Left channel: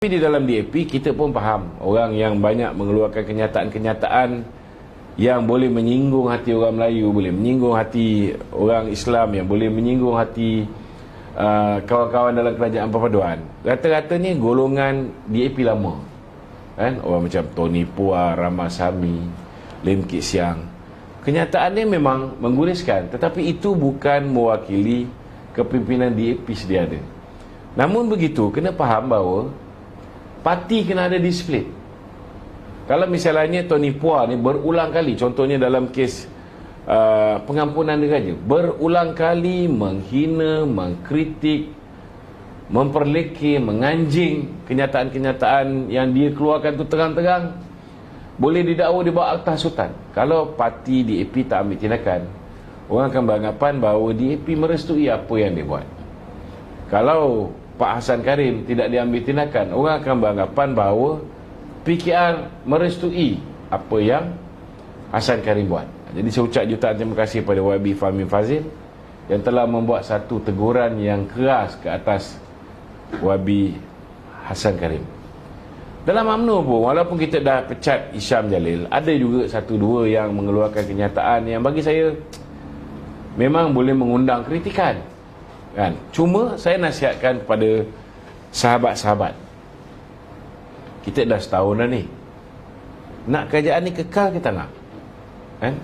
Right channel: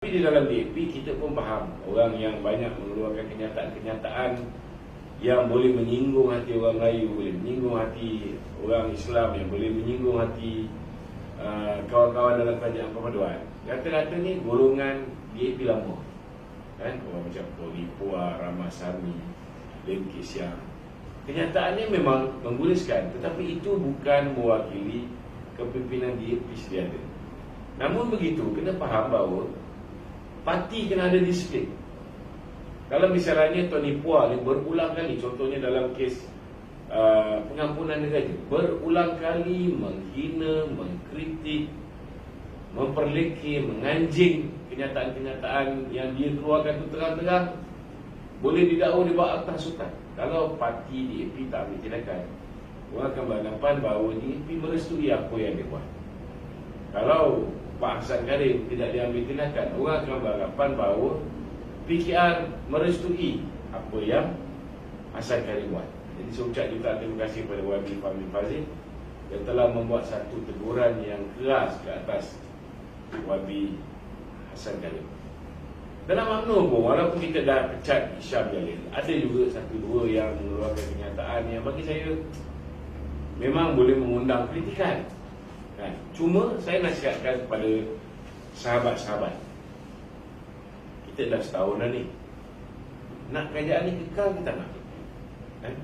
Tapi di dalam DAP kita pun faham orang yang banyak mengeluarkan kenyataan-kenyataan yang boleh menyinggung hati orang Melayu, boleh menyinggung hati orang Islam, yang boleh menyinggung hati kawan-kawan dalam kerajaan perpaduan. Rata-ratanya golongan DAP lama, kan? Orang macam Tony Puar, Ramasamy, Lim Kit Siang. Kenyataannya memang mengguriskan, tetapi itu bukan mewakili kepimpinan DAP sedia ada. Namun begitu, kena faham bahawa parti kena ada disiplin. Kalau misalnya Tony Puar ni berulang kali, contohnya dalam kes pengampunan diraja, berulang kali menghina, mengkritik, memperlekeh, menganjing kenyataan-kenyataan yang dia keluarkan tu terang-terang, boleh didakwa di bawah Akta Sultan. Kalau parti DAP tak ambil tindakan, orang akan beranggapan bahawa DAP merestui apa yang dia buat. Kalau Pak Hassan Karim tidak diambil tindakan, orang akan beranggapan bahawa PKR merestui apa yang Hassan Karim buat. Jadi saya ucap jutaan terima kasih kepada YB Fahmi Fazil yang telah membuat satu teguran yang keras ke atas YB Hassan Karim. Dalam UMNO pun, walaupun kita dah pecat Hisham Jalil, ada juga satu dua yang mengeluarkan kenyataan yang bagi saya memang boleh mengundang kritikan, kan? Cuma saya nasihatkan kepada sahabat-sahabat, kita dah setahun dah ni, nak kerajaan ni kekal kita nak, kan?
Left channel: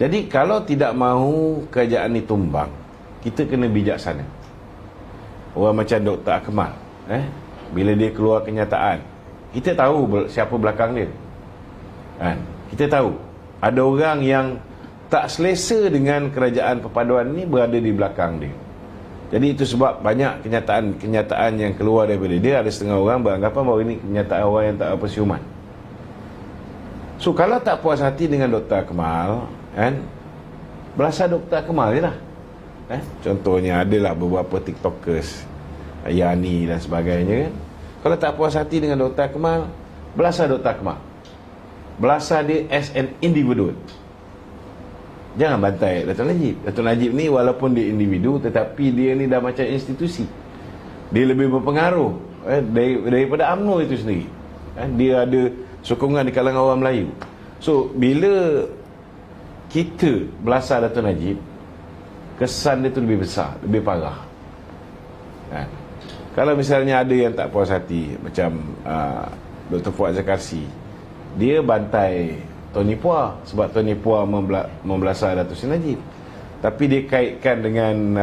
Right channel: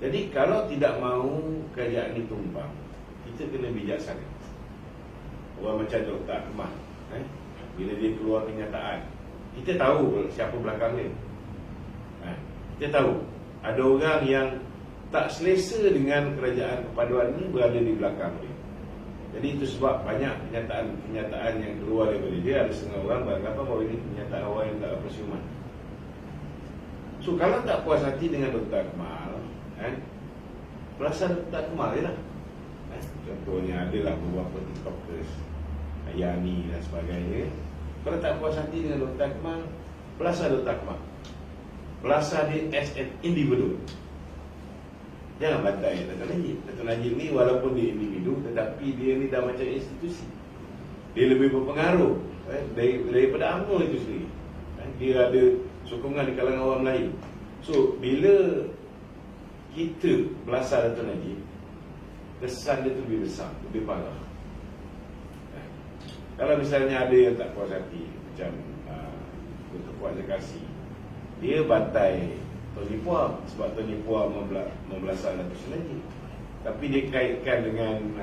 Jadi kalau tidak mahu kerajaan ni tumbang, kita kena bijaksana. Orang macam Dr. Akmal, bila dia keluar kenyataan, kita tahu siapa belakang dia, kan? Kita tahu ada orang yang tak selesa dengan kerajaan perpaduan ni berada di belakang dia. Jadi itu sebab banyak kenyataan yang keluar daripada dia. Ada setengah orang beranggapan bahawa ini kenyataan orang yang tak apa siuman. So kalau tak puas hati dengan Dr. Akmal, kan, belasah Dr. Akmal je lah. Contohnya adalah beberapa TikTokers, Yani dan sebagainya, kan. Kalau tak puas hati dengan Dr. Akmal, belasah Dr. Akmal, belasah dia as an individual. Jangan bantai Datuk Najib. Datuk Najib ni walaupun dia individu, tetapi dia ni dah macam institusi. Dia lebih berpengaruh daripada UMNO itu sendiri. Dia ada sokongan di kalangan orang Melayu. So bila kita belasah Datuk Najib, kesan dia tu lebih besar, lebih parah, kan? Kalau misalnya ada yang tak puas hati, macam Dr. Fuad Zakarsi, dia bantai Tony Puar sebab Tony Puar membelasah Datuk Seri Najib, tapi dia kaitkan dengan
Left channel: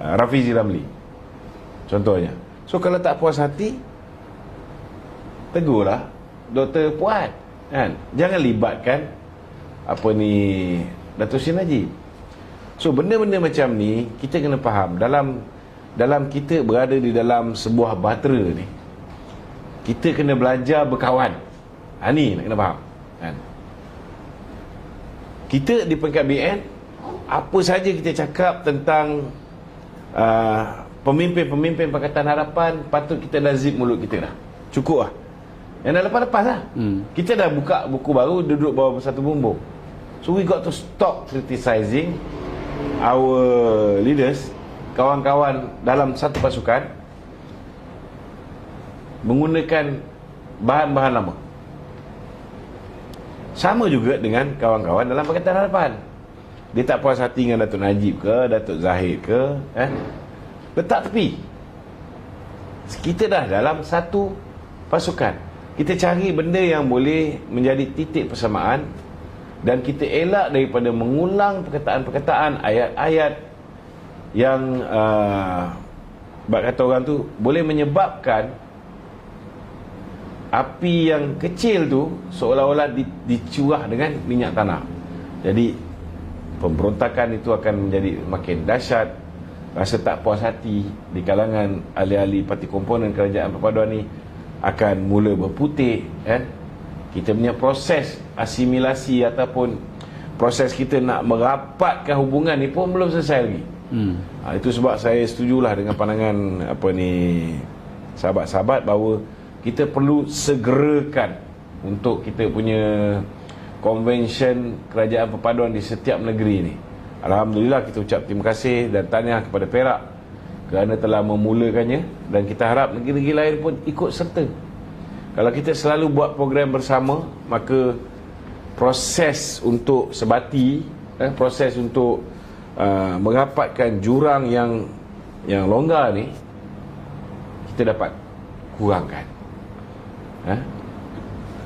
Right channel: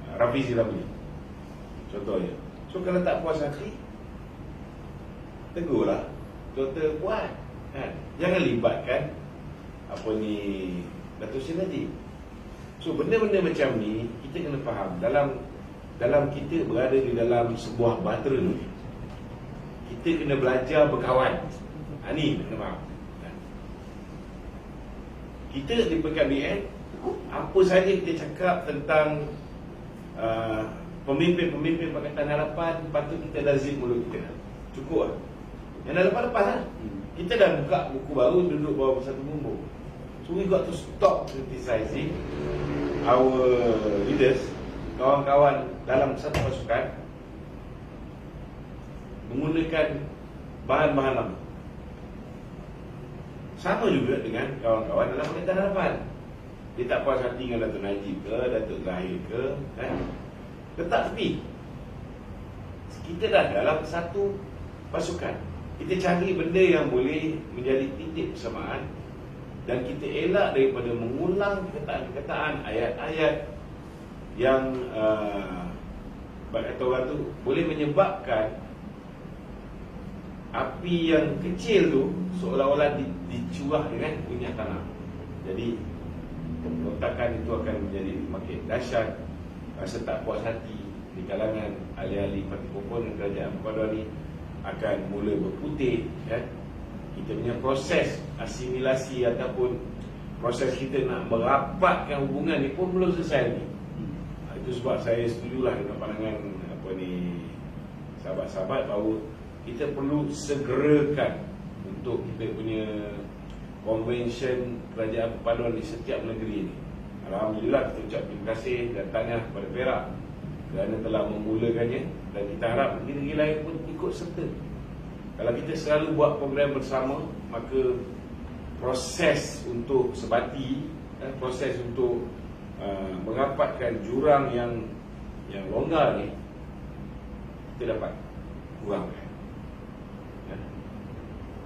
Rafizi Ramli contohnya. So kalau tak puas hati, tegurlah Dr. Puad, kan? Jangan libatkan Datuk Seri Najib. So benda-benda macam ni kita kena faham. Dalam kita berada di dalam sebuah bahtera ni, kita kena belajar berkawan. Ni nak kena faham, kan? Kita di peringkat BN, apa saja kita cakap tentang pemimpin-pemimpin Pakatan Harapan, patut kita dah zip mulut kita dah. Cukup lah. Yang dah lepas-lepas lah. Kita dah buka buku baru, duduk bawah satu bumbung. So we got to stop criticizing our leaders, kawan-kawan dalam satu pasukan, menggunakan bahan-bahan lama. Sama juga dengan kawan-kawan dalam Pakatan Harapan. Dia tak puas hati dengan Datuk Najib ke, Datuk Zahid ke, letak tepi. Kita dah dalam satu pasukan. Kita cari benda yang boleh menjadi titik persamaan, dan kita elak daripada mengulang perkataan-perkataan, ayat-ayat yang kata orang tu boleh menyebabkan api yang kecil tu seolah-olah dicurah dengan minyak tanah. Jadi pemberontakan itu akan menjadi makin dahsyat. Rasa tak puas hati di kalangan ahli-ahli parti komponen kerajaan perpaduan ni akan mula berputih, kan? Kita punya proses asimilasi ataupun proses kita nak merapatkan hubungan ni pun belum selesai lagi. Itu sebab saya setujulah dengan pandangan sahabat-sahabat bahawa kita perlu segerakan untuk kita punya konvensyen kerajaan perpaduan di setiap negeri ni. Alhamdulillah, kita ucap terima kasih dan tahniah kepada Perak kerana telah memulakannya, dan kita harap negeri-negeri lain pun ikut serta. Kalau kita selalu buat program bersama, maka proses untuk sebati, proses untuk merapatkan jurang yang longgar ni, kita dapat kurangkan.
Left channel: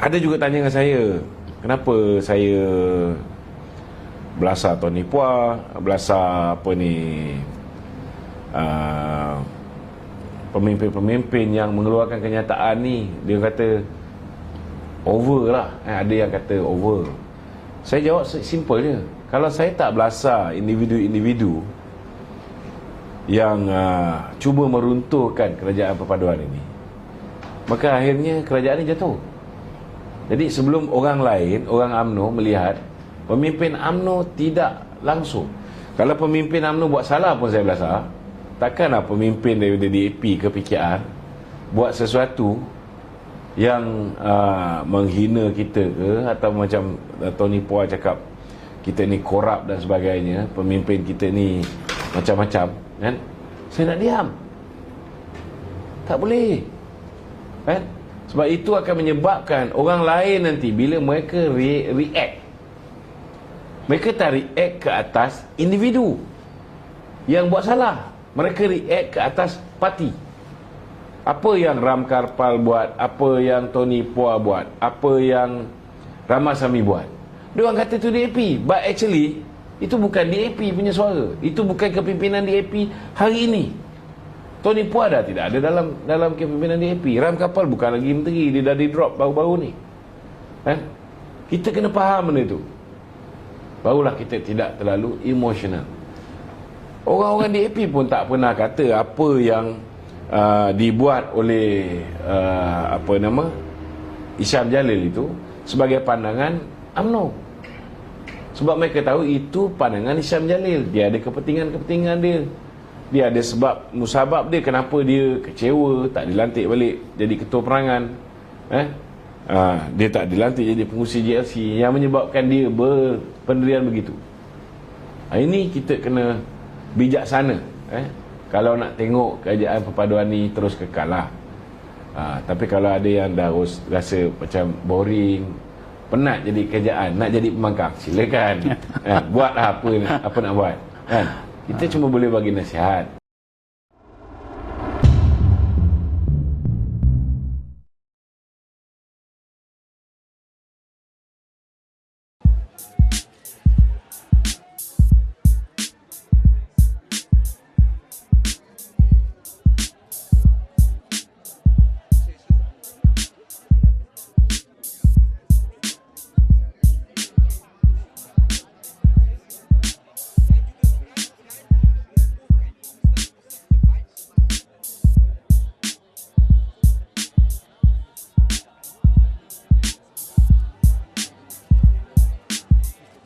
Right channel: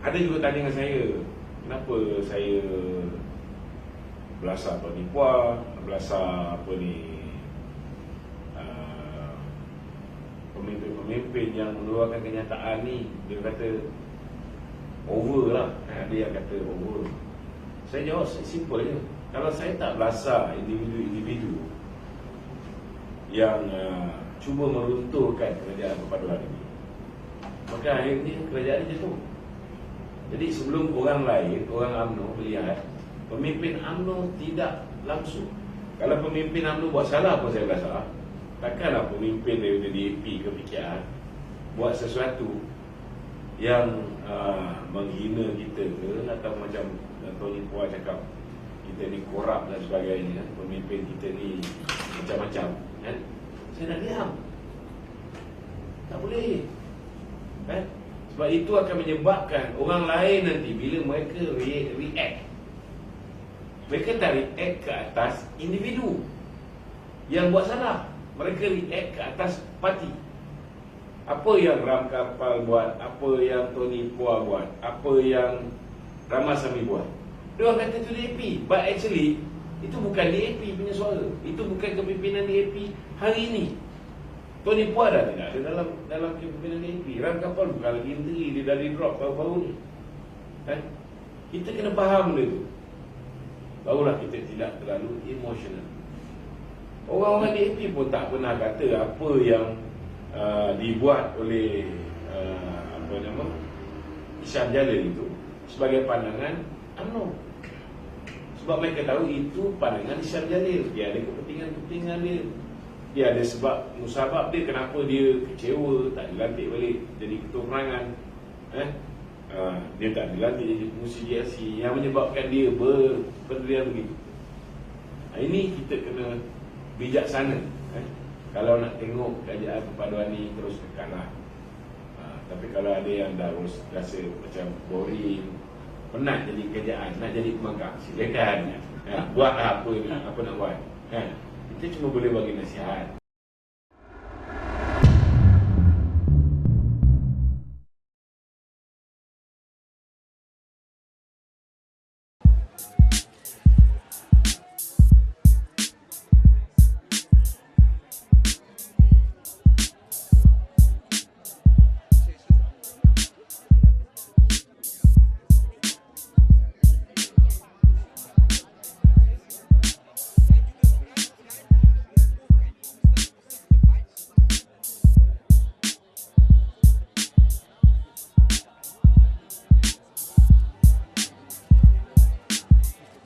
Ada juga tanya dengan saya, kenapa saya belasah Tony Puah, belasah pemimpin-pemimpin yang mengeluarkan kenyataan ni. Dia kata over lah, ada yang kata over. Saya jawab simple je, kalau saya tak belasah individu-individu yang cuba meruntuhkan kerajaan perpaduan ini, maka akhirnya kerajaan ini jatuh. Jadi sebelum orang lain, orang UMNO melihat, pemimpin UMNO tidak langsung. Kalau pemimpin UMNO buat salah pun saya belasah. Takkanlah pemimpin daripada DAP ke PKR buat sesuatu yang menghina kita ke, atau macam Tony Puah cakap kita ni korup dan sebagainya, pemimpin kita ni macam-macam, kan? Saya nak diam. Tak boleh, kan? Sebab itu akan menyebabkan orang lain nanti bila mereka react, mereka tak react ke atas individu yang buat salah, mereka react ke atas parti. Apa yang Ram Karpal buat, apa yang Tony Puah buat, apa yang Ramasamy buat, dia orang kata itu DAP, but actually itu bukan DAP punya suara, itu bukan kepimpinan DAP hari ini. Tony Puah dah tidak ada dalam kepimpinan DAP. Ram Karpal bukan lagi menteri, dia dah di drop baru-baru ni. Kita kena faham benda itu, barulah kita tidak terlalu emosional. Orang-orang DAP pun tak pernah kata apa yang dibuat oleh Isham Jalil itu sebagai pandangan UMNO. Sebab mereka tahu itu pandangan Isham Jalil. Dia ada kepentingan-kepentingan dia. Dia ada sebab musabab dia kenapa dia kecewa tak dilantik balik jadi ketua perangan. Dia tak dilantik jadi pengurusi JLC, yang menyebabkan dia berpendirian begitu. Ini kita kena bijaksana. Kalau nak tengok kerajaan perpaduan ni terus kekal lah. Tapi kalau ada yang dah rasa macam boring, penat jadi kerajaan, nak jadi pemangkang, silakan. Buatlah apa nak buat, kan? Kita cuma boleh bagi nasihat.